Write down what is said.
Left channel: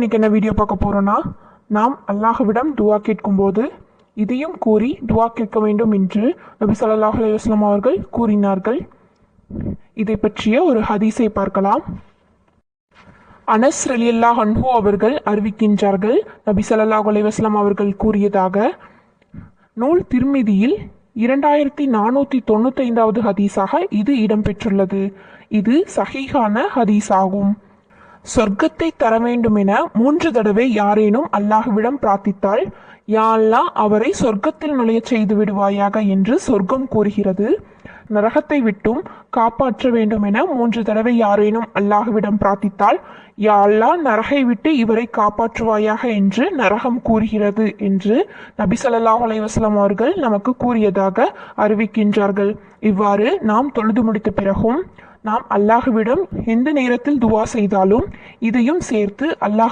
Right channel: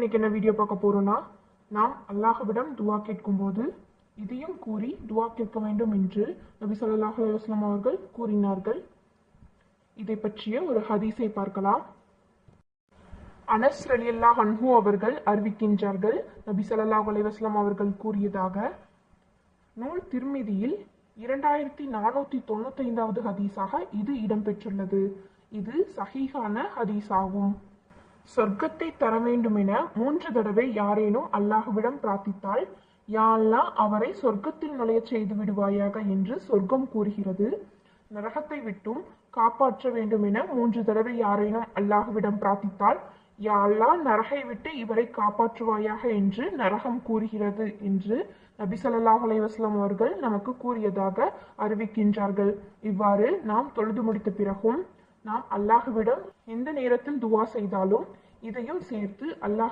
இன்னைக்கு என்ன வீடியோ பார்க்க போறோம்னா, நாம் அல்லாஹ்விடம் துவா கேட்கும்போது இதையும் கூறி துவா கேட்க வேண்டும் என்று நபி ஸல்லல்லாஹு அலைஹி வஸல்லம் அவர்கள் கூறினார்கள். இதை பற்றிய ஒரு ஹதீஸை பார்க்கலாம். அனஸ் ரலியல்லாஹு அன்ஹு அவர்கள் அறிவிக்கின்றார்கள், நபி ஸல்லல்லாஹு அலைஹி வஸல்லம் அவர்கள் கூறியதாக, நூல் திர்மிதியில் 2495வது ஹதீஸாக இது இடம்பெற்றுள்ளது. இது சஹீஹான ஹதீஸ் ஆகும். சொர்க்கத்தை தர வேண்டும் என 3 தடவை யாரேனும் அல்லாஹ்விடம் பிரார்த்தித்தால், யா அல்லாஹ் அவரை சொர்க்கத்தில் நுழையச் செய்து விடுவாயாக என்று சொர்க்கம் கூறுகிறது. நரகத்தை விட்டும் காப்பாற்ற வேண்டும் என 3 தடவை யாரேனும் அல்லாஹ்விடம் பிரார்த்தித்தால், யா அல்லாஹ் நரகை விட்டு இவரை காப்பாற்றுவாயாக என்று நரகம் கூறுகிறது என்று நபி ஸல்லல்லாஹு அலைஹி வஸல்லம் அவர்கள் நமக்கு கூறியதாக அறிவிக்கின்றார்கள். இவ்வாறு நாம் தொழுது முடித்த பிறகும் நாம் அல்லாஹ்விடம் எந்த நேரத்தில் துவா செய்தாலும் இதையும் சேர்த்து அல்லாஹ்விடம்